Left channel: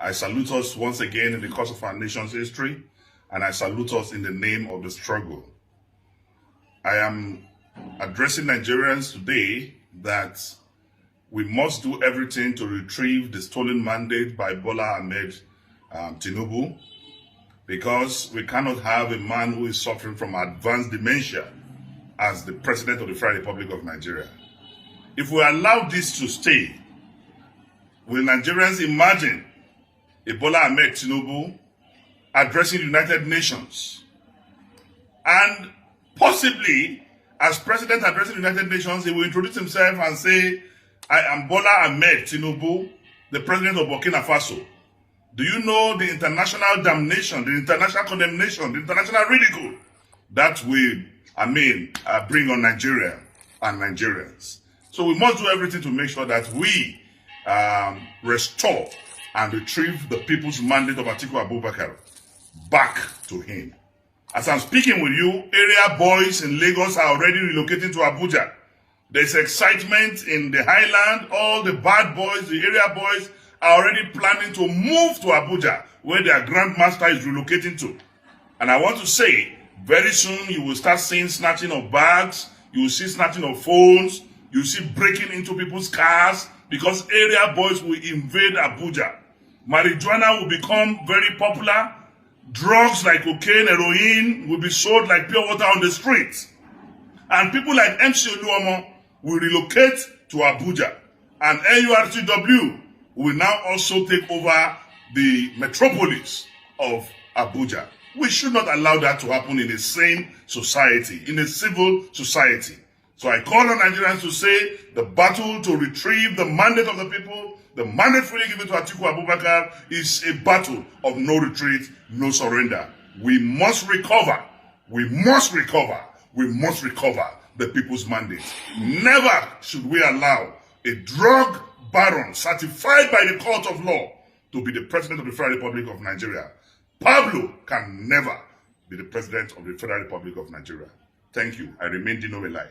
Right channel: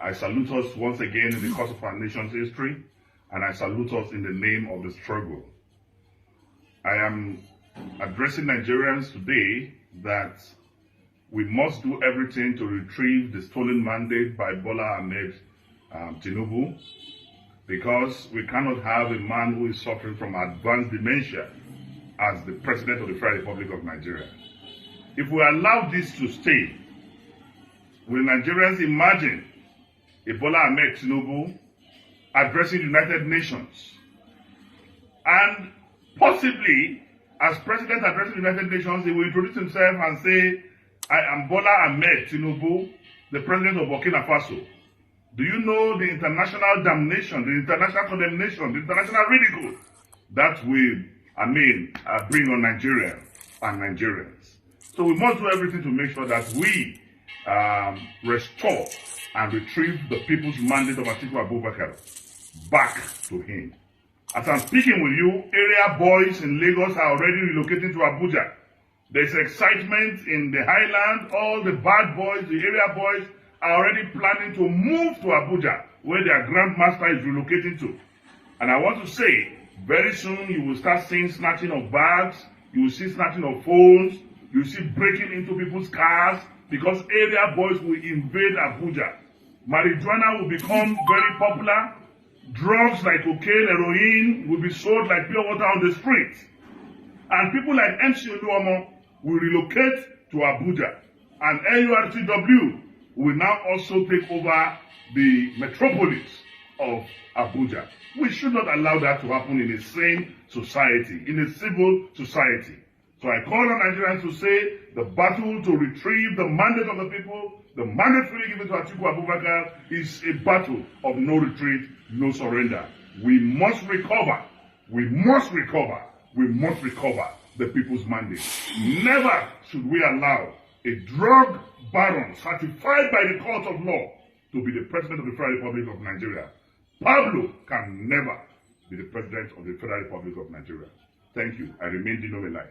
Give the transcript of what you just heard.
I salute us once again in the course of our nation's history, and I salute us in the name of the struggle. I am addressing Nigerians today that we must do everything to retrieve the stolen mandate by Bola Ahmed Tinubu, because we cannot have a man who is suffering from advanced dementia as the President of the Federal Republic of Nigeria. If we allow this to stay, will Nigerians imagine a Bola Ahmed Tinubu addressing the United Nations and possibly as President addressing the United Nations, he will introduce himself and say, I am Bola Ahmed Tinubu, the President of Burkina Faso. Do you know the international damnation, the international condemnation, the international ridicule that will, bring on Nigeria and Nigerians? So we must do everything to make sure that we restore and retrieve the people's mandate of Atiku Abubakar back to him. As I'm speaking with you, area boys in Lagos are already relocating to Abuja. There's excitement in the highland. All the bad boys, the area boys, are already planning to move to Abuja, where their grandmaster is relocating to. And I want to say, very soon you will start seeing snatching of bags, you will see snatching of phones, you will see breaking into people's cars, because area boys will invade Abuja. Marijuana will become very popular. Drugs like cocaine, heroin will be sold like pure water on the streets. And people like MC Oluomo will relocate to Abuja. And NURTW will now also take over the metropolis of Abuja. We should not allow that to happen in a sane society, in a civil society. So I call on Nigerians to say the battle to retrieve the mandate of the people, the mandate freely given to Atiku Abubakar, is a battle of no retreat, no surrender. We must recover. We must recover. We must recover the people's mandate. Never should we allow a drug baron certified by the court of law to be the President of the Federal Republic of Nigeria. Pablo can never be the President of the Federal Republic of Nigeria. Thank you. I remain Dino Milaye.